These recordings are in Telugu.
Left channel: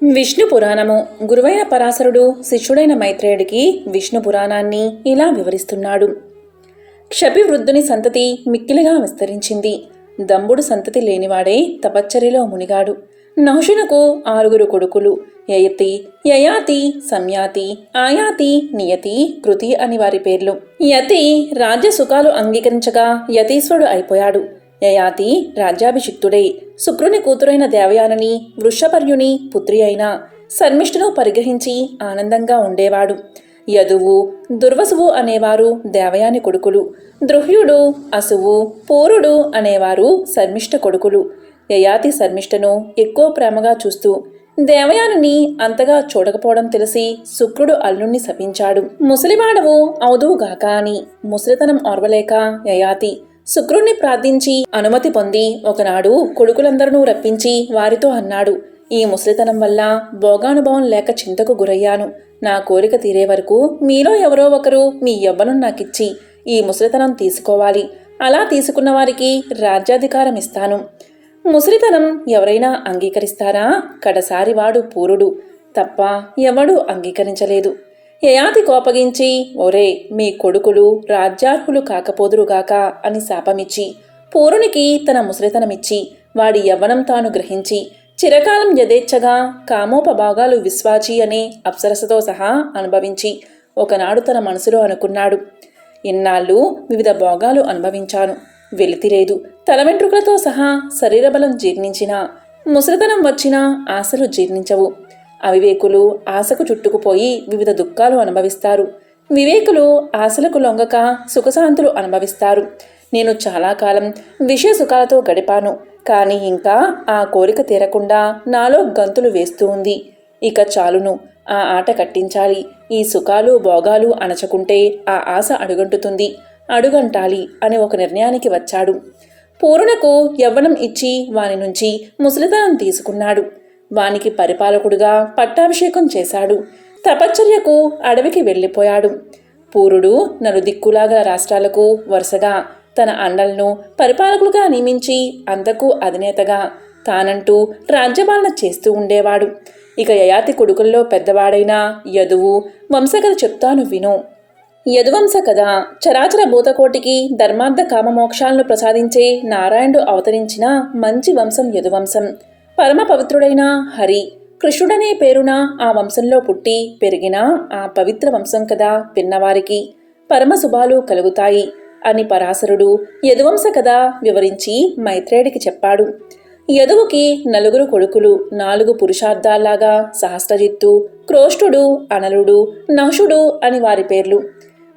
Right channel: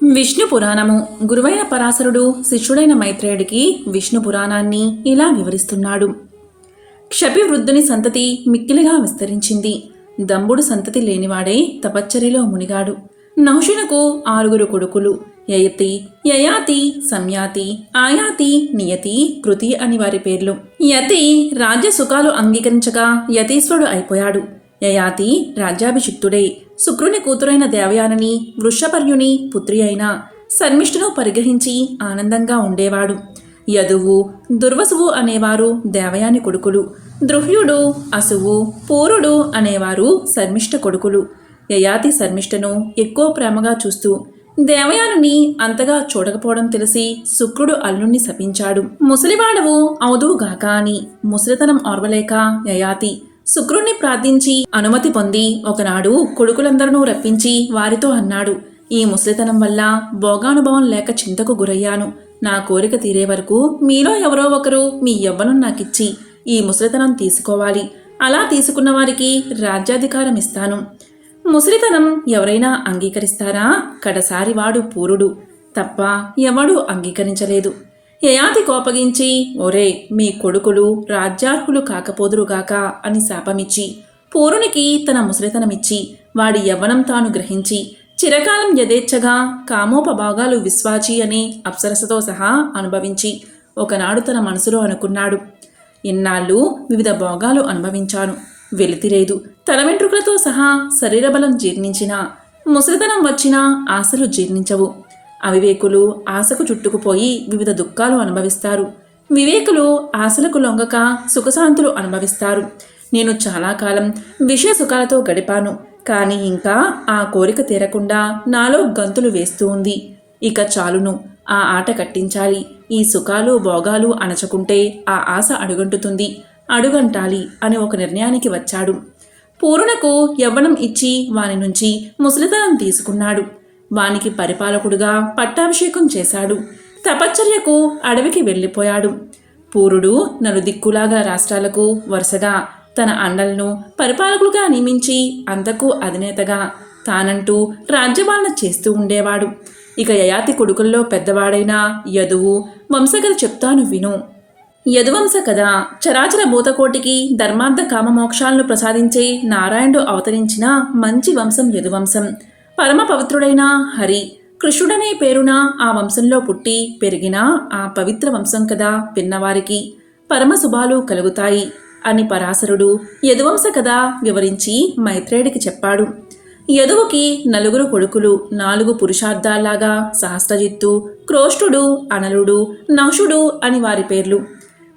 విష్ణు పురాణము. గురువైన పరాశరుడు శిష్యుడైన మైత్రేయుడికి విష్ణు పురాణాన్ని ఇలా వివరిస్తున్నాడు. క్షపివృద్ధుని సంతతి మిక్కిలిగా విస్తరించింది. దంబుడు సంతతి లేనివాడే తపశ్చర్యలో మునిగాడు. నహుషునకు 6 కొడుకులు. యయతి, యయాతి, సంయాతి, ఆయాతి, నియతి, కృతి అని వారి పేర్లు. యతి రాజ్య సుఖాలు అంగీకరించగా యతీశ్వరుడు అయిపోయాడు. యయాతి రాజ్యాభిషిక్తుడై శుక్రుని కూతురైన దేవయానని వృషపర్యుని పుత్రి అయిన శర్మిష్ఠును పరిగ్రహించి ఆనందంగా ఉండేవాడు. యదువు, దుర్వసువు అనేవారు దేవయాని కొడుకులు. ద్రుహ్యుడు, అసువు, పూరుడు అనేవారు శర్మిష్ఠ కొడుకులు. యయాతి శర్మిష్ఠను ఎక్కువ ప్రేమగా చూస్తూ దేవయానుని అంతగా చూడకపోవడం తెలిసి శుక్రుడు అల్లుణ్ణి శపించాడు. ముసలివాడవు అవుదువుగాక అని. ముసలితనం ఓర్వలేక యయాతి శుక్రుణ్ణి ప్రార్థించి అనుమతి పొంది ఒకనాడు కొడుకులందరినూ రప్పించి వారితో అన్నాడు, ఈ ముసలితనం వల్ల భోగానుభవం లేక చింతకు గురయ్యాను. నా కోరిక తీరే వరకు మీలో ఎవరో ఒకరు మీ యవ్వనం నాకిచ్చి ఈ ముసలితనం తీసుకోవాలి. అలా తీసుకున్న వారికి రాజ్యాధికారం ఇస్తాను. ముసలితనం ఎవరైనా అంగీకరిస్తారా? కడసారి వాడు పూరుడు తప్ప ఎవడూ అంగీకరించలేదు. యయాతి కోపగించి, ఒరే, మీ కొడుకులు రాజ్యార్హులు కాకపోదురుగాక అని శాపమిచ్చి పూరునికి తన ముసలితనమిచ్చి వాడి యవ్వనం తాను గ్రహించి చిరకాలం యథేచ్ఛగా కామోపభాగాలు విశ్వాచి అనే అప్సరసతో సహా అనుభవించి ఒకనాడు తన మనసులో అనుకున్నాడు, ఇన్నాళ్ళు వివిధ భోగాలు అనుభవించాను, వెలితిలేదు. తల వెంట్రుకలతో సహా శరీరబలం జీర్ణించినా ముసలితనం వచ్చినా ఆశలు జీర్ణించవు. అవివేకులు ఆశకు చుట్టుకుపోయి వివిధ దుఃఖాలు అనుభవిస్తారు. వివేకులు ఆశలకు లొంగక సుఖశాంతులు అనుభవిస్తారు. నేను చాలా కాలం విషయ సుఖాలతో గడిపాను, కానీ ఇంకా ఆ కోరిక తీరకుండా నాలో గంతులు వేస్తూ ఉంది. ఇక చాలును, ఆ ఆట కట్టించాలి. ఈ సుఖాలు భోగాలు అణచుకుంటే ఆ ఆశ అడుగంటుతుంది, అడుగంటాలి అని ఒక నిర్ణయానికి వచ్చాడు. పూర్ణకు యవ్వనం ఇచ్చి వాని నుంచి ముసలితనం తీసుకున్నాడు. వానికి పరిపాలకుడుగా పట్టాభిషేకం చేశాడు. తపశ్చర్యకు అడవికి వెళ్ళిపోయాడు. పూరుడు నలుదిక్కులాగల రాష్ట్రాలకు వరుసగా తన అండలను పరిపాలకులుగా నియమించి అంతకు అధినేతగా తానంటూ రాజ్యపాలన చేస్తూ ఉండేవాడు. ఇక యయాతి కొడుకుల్లో పెద్దవాడైన యదువు వంశకథ చెప్తాను విను. యదువంశ కథ. చరాచర భూతకోటికి ధర్మార్థ కామమోక్షాలను ప్రసాదించే నారాయణుడు అవతరించిన మంచి వంశం యదువంశం. పరమ పవిత్రుడైన హరి, కృష్ణుడనే పేరున ఆ వంశంలో పుట్టి పెరిగిన ఆ పవిత్ర వంశం కదా విన్నవారికి పరమ శుభాలు కలుగుతాయి అని పరాశరుడు యదువంశ కథ వివరించి మైత్రేయుడికి చెప్పాడు. యదువుకి 4 కొడుకులు. 4 పురుషార్థాల్లాగా సహస్రజిత్తు, క్రోష్టుడు, అనలుడు, నహుషుడు అని వారి పేర్లు.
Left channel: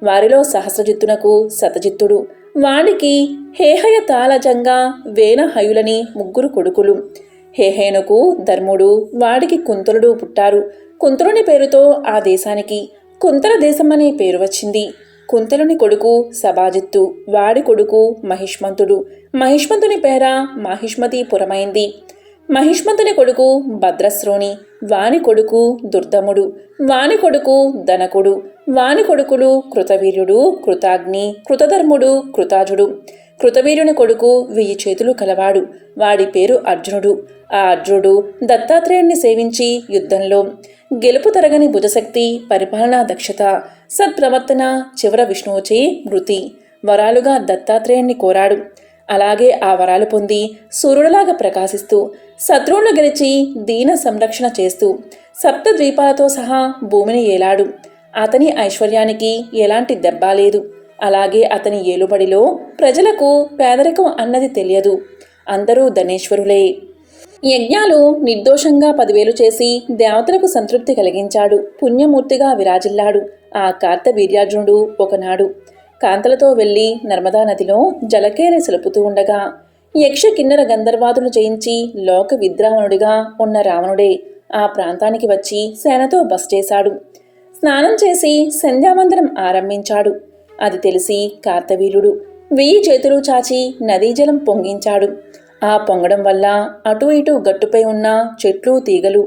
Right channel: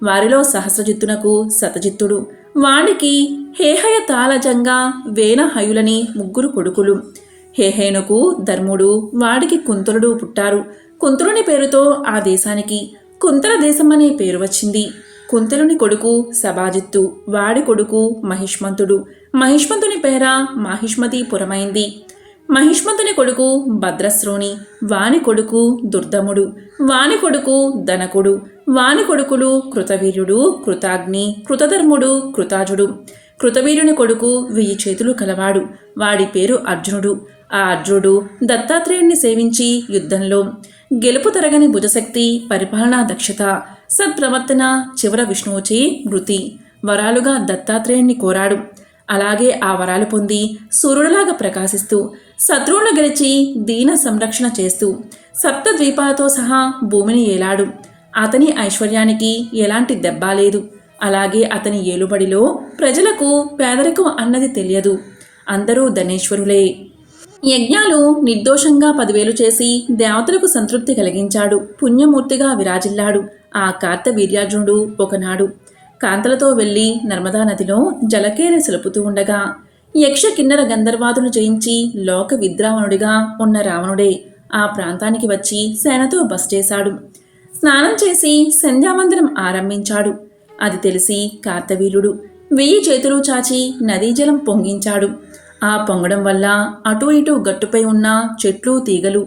వారిలో సహస్రజిత్తునకు శతజిత్తుడు, వాడికి హేహయ తాళజంగా వేనహయులని 3 కొడుకులు. హేహేనుకు ధర్ముడు, వాడికి కుంతలుడు పుట్టారు. కుంతలుని పేరుతో ఆ దేశానికి కుంతల దేశం అనే పేరు వచ్చింది. కుంతలుని కొడుకు సభాజిత్తు, వాడి కొడుకు మహిష్మంతుడు. మహిష్మంతుని పేర మాహిష్మతీపురమైంది. మహిష్మంతుని కొడుకు భద్రశ్రోణి, వాని కొడుకు దుర్దముడు, వాని కొడుకు ధనకుడు, వాని కొడుకులు కృతవీర్యుడు, కృతాగ్ని, కృతధర్ముడు, కృతాజుడు. కృతవీర్యుని కొడుకు 1000 చేతులు కలవాడు, వాడి పేరు అర్జునుడు. ఆ అర్జునుడు దత్తాత్రేయుణ్ణి సేవించి యుద్ధంలో గెలుపు తరగని భుజశక్తి, పరిపాలనా దక్షత, సత్ప్రవర్తన, చివర విష్ణువుచే మృతి వరాలుగా దత్తాత్రేయుణ్ణి కోరాడు. అలాగే ఆ వరాలు పొంది సూర్యుడిలాగా ప్రకాశిస్తూ శత్రువులను గెలిచి దీన సంరక్షణ చేస్తూ సప్తద్వీపాలతో సహా భూమిని ఏలాడు. అతని ఐశ్వర్యానికి ఎలాంటి దెబ్బ లేదు. అలాగే అతని ఏలుబడిలో ప్రజలకు పేదరికం అన్నది తెలియదు. అందరూ ధనేశ్వరులే. యజ్ఞాలు నిర్దోషంగా 10,000 చేసి దేవతలకు సంతృప్తి కలిగించాడు. పుణ్యమూర్తిగా విరాజిల్లాడు. ఆ కార్తవీర్యార్జునుడు ఒకనాడు కాంతలతో వెళ్లి నర్మదా నదిలో జలకేరి సెలుపుతూ ఉండగా యక్ష కిన్నర గంధర్వాదులను జయించి లోక విద్రావణుడిగా ఉన్న రావణుడే ఆ ప్రాంతానికి వచ్చి సేనతో బస చేశాడు. స్నానం చేసి సంధ్యావందనం ఆరంభించాడు. అది తెలిసి కార్తవీర్యుడు 1000 చేతులు చాచి నదీజలం పొంగించాడు. ఆ పొంగడం వల్ల అటూ ఇటూ గట్టుపై ఉన్న చెట్లు తీగలు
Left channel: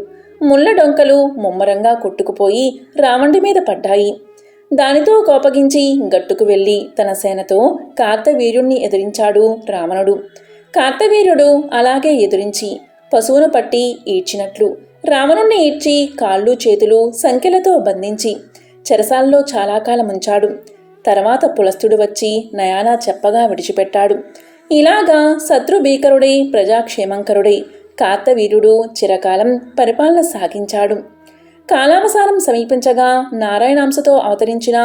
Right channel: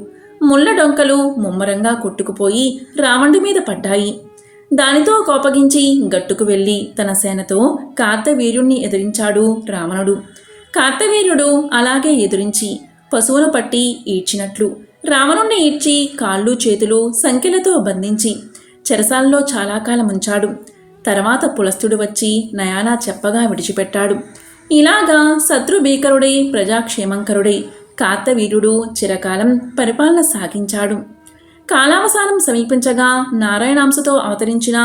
ముళ్ళ డొంకలు ముమ్మరంగా కొట్టుకుపోయి రావణుడి మీద పడ్డాయి. దానితో కోపగించి గట్టుకు వెళ్ళి తన సేనతో కార్తవీర్యుణ్ణి ఎదిరించాడు రావణుడు. కార్తవీర్యుడు అలాగే ఎదురించి పశువును పట్టి ఈడ్చినట్లు రావణుణ్ణి ఇచ్చి కాళ్ళు చేతులు సంకెలతో బంధించి చెరసాలలో చాలా కాలం ఉంచాడు. తర్వాత పులస్తుడు వచ్చి నయానా చెప్పగా విడిచిపెట్టాడు. ఇలాగా శత్రుభీకరుడై ప్రజాక్షేమంకరుడై కార్తవీర్యుడు చిరకాలం పరిపాలన సాగించాడు. కాలావసానం సమీపించగా నారాయణాంశతో అవతరించిన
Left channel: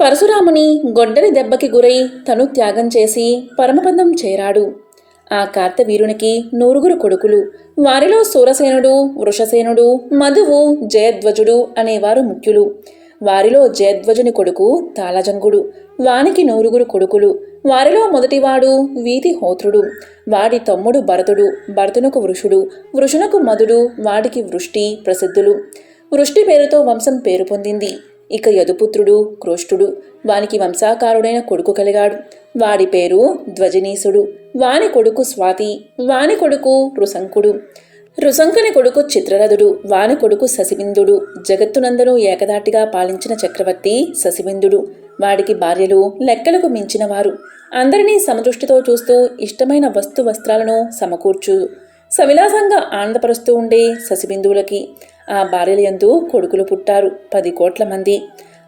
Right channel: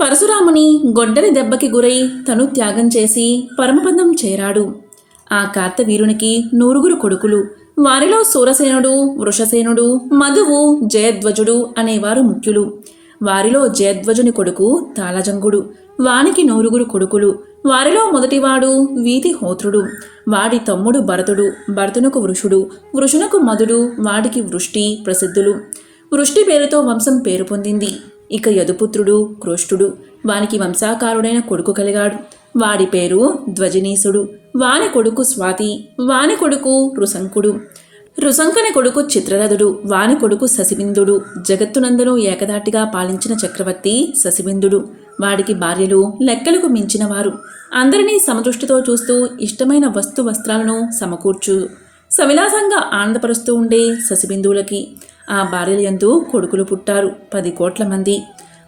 పరశురాముని గొడ్డలి దెబ్బకి గురై తను త్యాగం చేసి పరమపదం చేరాడు. ఆ కార్తవీరునికి 9 కొడుకులు. వారిలో సూరసేనుడు, వృషసేనుడు, మధువు, జయధ్వజుడు అనేవారు ముఖ్యులు. వారిలో జయధ్వజుని కొడుకు తాళజంగుడు. వానికి 9 కొడుకులు. వారిలో మొదటివాడు వీతిహోత్రుడు. వాడి తమ్ముడు భరతుడు. భరతునకు వృషుడు, వృషునకు మధుడు. వాడికి వృష్టి ప్రసిద్ధులు. వృష్టి పేరుతో వంశం పేరు పొందింది. ఇక యదుపుత్రుడు కృష్టుడు. వానికి వంశాకారుడైన కొడుకు కలిగాడు. వాడి పేరు ధ్వజనీసుడు. వాని కొడుకు స్వాతి. వాని కొడుకు రుశంకుడు. రుశంకుని కొడుకు చిత్రరథుడు. వాని కొడుకు శశిబిందుడు. జగత్తునందరూ ఏకదాటిగా పాలించిన చక్రవర్తి శశిబిందుడు. వాడికి భార్యలు లెక్కలకు మించినవారు. అందరినీ సమదృష్టితో చూస్తూ ఇష్టమైన వస్త్రాలను సమకూర్చు సవిలాసంగా ఆనందపరుస్తూ ఉండే శశిబిందువులకి ఆ భార్యల యందు కొడుకులు పుట్టారు. 10 కోట్ల మంది.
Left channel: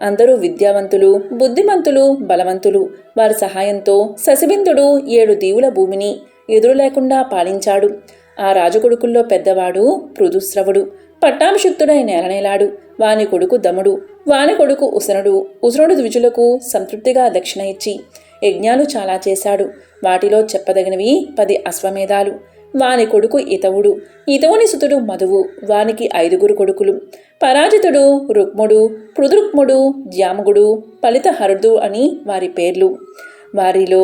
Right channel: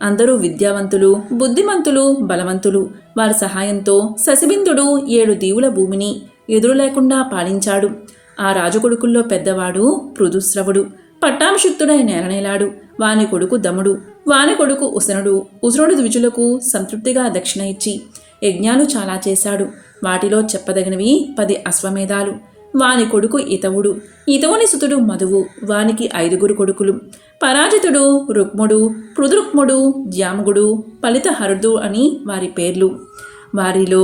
అందరూ విద్యావంతులు, బుద్ధిమంతులు, బలవంతులు. వారి సహాయంతో శశిబిందుడు 7 దీవుల భూమిని ఎదురు లేకుండా పాలించాడు. ఆ రాజకొడుకుల్లో పెద్దవాడు పృథుశ్రవుడు. పట్టాభిషిక్తుడై నేలనేలాడు. వాని కొడుకు దముడు. వాని కొడుకు ఉసనుడు. ఉసనుడు ద్విజులకు సంతృప్తిగా దక్షిణ ఇచ్చి యజ్ఞాలు చాలా చేశాడు. వాటిలో చెప్పదగినవి 10 అశ్వమేధాలు. వాని కొడుకు ఇతవుడు. ఇతవుని సుతుడు మధువు. వానికి 5 కొడుకులు. పరాజితుడు, రుక్ముడు, పృథురుక్ముడు, జామగుడు, ఫలితహరుడు అని వారి పేర్లు. వారిలో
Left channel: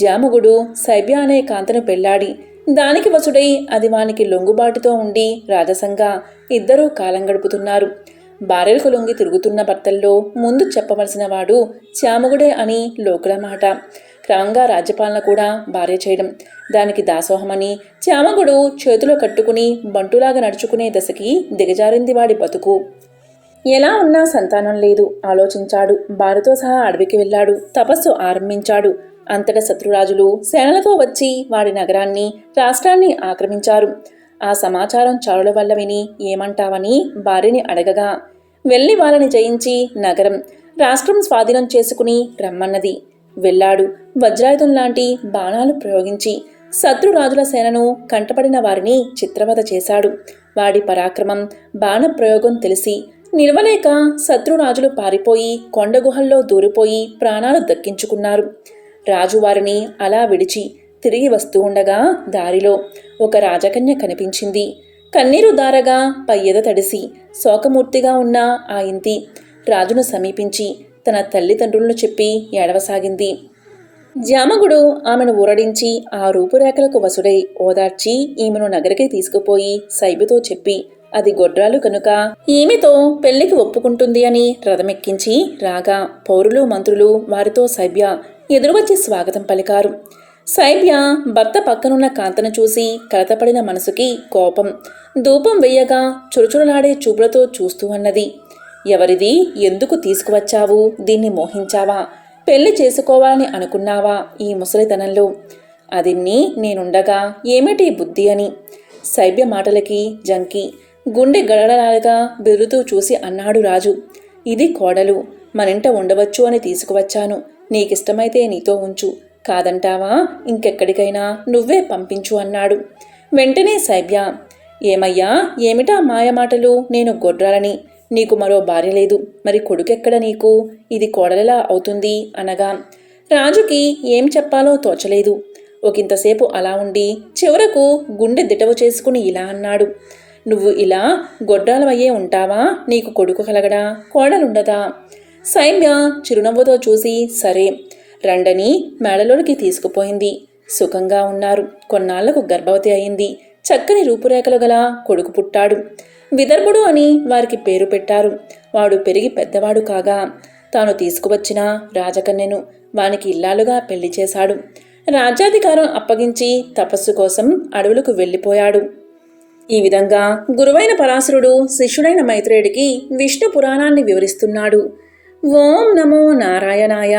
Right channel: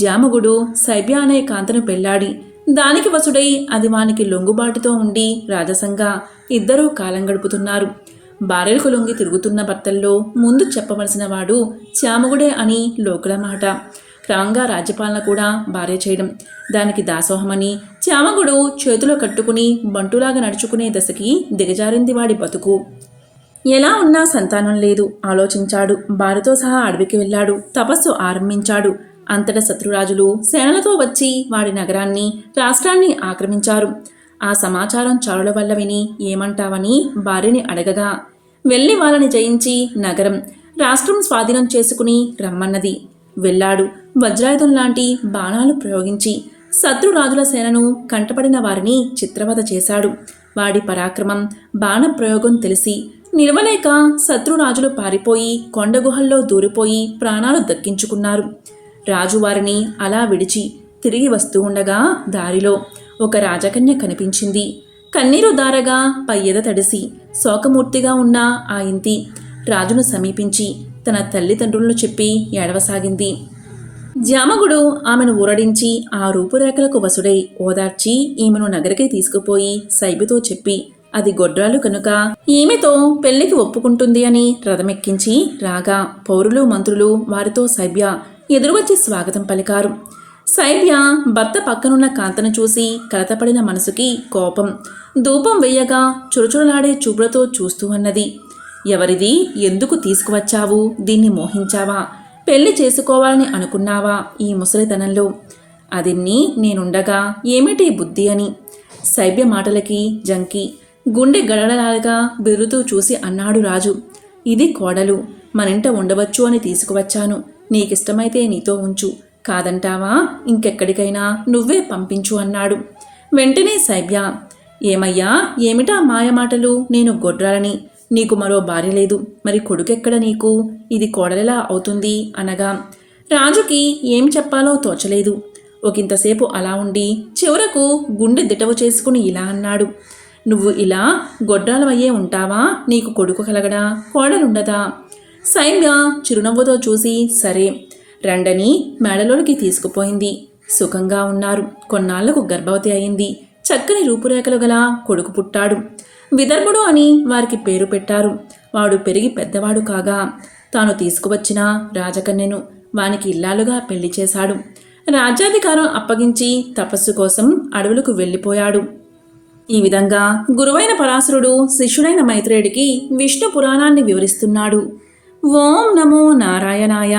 జామగుడు శైబ్య అనే కాంతను పెళ్లాడి దానికి వసుడై అది వానికి లొంగుబాటుతో ఉండి రాజసంగా ఇద్దరూ కాలం గడుపుతున్నారు. భార్యలకు లొంగి తిరుగుతున్న భర్తల్లో ముందు చెప్పవలసిన వాడు శ్యామగుడే అని లోకుల మాట. క్రమంగా రాజ్యపాలన కూడా భార్య చేయడం, దానికి దాసోహమని శ్యామగుడు చేతులు కట్టుకుని బంటులాగా నడుచుకునే దశకి దిగజారింది వాడి బతుకు. ఎలా ఉన్నా సంతానం లేదు. ఆలోచించాడు. భార్యతో సహా అడవికి వెళ్ళాడు. తపస్సు ఆరంభించాడు. అంతటా శత్రురాజులు సేనలతో వచ్చి వాడి నగరాన్ని, రాష్ట్రాన్ని ఆక్రమించారు. ఆ సమాచారం చారుల వల్ల విని ఏమంటావని భార్యని అడగగా వెళ్ళి వాళ్ళని జయించి నగరం, రాష్ట్రం స్వాధీనం చేసుకుని రమ్మన్నది. వెళ్ళాడు. వజ్రాయుధం లాంటి బాణాలు ప్రయోగించి శత్రురాజుల సేనను కంటపడిన వారిని చిత్రవధ చేశాడు. వాడి పరాక్రమం, బాణప్రయోగం తెలిసి నిలవలేక శత్రురాజులు పారిపోయి కొండగుహల్లో దూరిపోయి ప్రాణాలు దక్కించుకున్నారు. రాజు వారిని అలా విడిచి తిరిగి వస్తూ ఉండగా దారిలో ఒక రాజకన్య కనిపించింది. కన్నీరు దారగా పయ్యద తడిసి శోకమూర్తిగా ఉన్న ఆ ఇంతి రాజును సమీపించి తన తల్లిదండ్రులను చెప్పి ఏడవసాగింది. జామగుడు ఆమెను ఊరడించి ఆ రూపురేఖలకు వసుడై ఓదార్చి ఈమెను నగరికి తీసుకుపోయి సైబితో చెప్పి అది గొడ్రాలు కనుక ఈమెతో పెళ్లికి ఒప్పుకుంటుంది అని రథమెక్కించి రాగా పౌరులు మంత్రులు వారితో సైబ్య ఎదురువచ్చి స్వాగతం పలికారు. సైబ్య భర్త పక్కనున్న కాంతను చూసి కలతపడిన మనసుకి కోపం. ధూపం వెయ్యగా చురుచురులాడే చూపులతో చూస్తూ అన్నది, ఎవరిది? ఎందుకు తీసుకువచ్చావు? దీన్ని మోహించావా? పెళ్లి చేసుకోవాలని అనుకున్నావా ఈ ముసలితనంలో? అదిన్ని నేనుండగా ఏమిటి బుద్ధి అని సైబ్య మాటలకి జంకి గుండె గడగడలాగా బెరుతూ చూసి అన్నాడు రాజు. ఇది కోడలు, మనింట ఉండవచ్చు అని తీసుకువచ్చాను. నీకిష్టమైతే నీతో ఉంచు, కాదంటావా ఇంకెక్కడికైనా నువ్వే పంపించు అన్నాడు. వెంటనే సైబ్య, ఏమయ్యా, ఏమిటా మాయమాటలు? నేను గొడ్రాలని, నీకు మరో భార్య లేదు, మరి కొడుకెక్కడ నీకు? ఇది కోడలిలా అవుతుంది అనగా రాజుకి ఏం చెప్పాలో తోచలేదు. ఒకంతసేపు అలా ఉండి చివరకు గుండె దిటవు చేసుకుని ఇలా అన్నాడు, నువ్వు ఇలా గొడ్రాలవయ్యే ఉంటావా? నీకు కొడుకు కలగడా, కోడలుండదా? సైబ్య చిరునవ్వుతో చూసి సరే రండని మేడలోనికి తీసుకుపోయింది. సుఖంగా ఉన్నారు. కొన్నాళ్లకు గర్భవతి అయింది. చక్కని రూపురేఖలు గల కొడుకు పుట్టాడు. విదర్భుడు అని వారికి పేరు పెట్టారు. వాడు పెరిగి పెద్దవాడు కాగా తాను తీసుకువచ్చిన రాజకన్యను వానికి ఇల్లాలుగా పెళ్లి చేశాడు. రాజ్యాధికారం అప్పగించి తపస్సు కోసం అడవులకు వెళ్ళిపోయాడు. ఈ విధంగా గురువైన పరాశరుడు శిష్యుడైన మైత్రేయుడికి విష్ణు పురాణాన్ని వివరిస్తున్నాడు. ఓం నమో నారాయణాయ.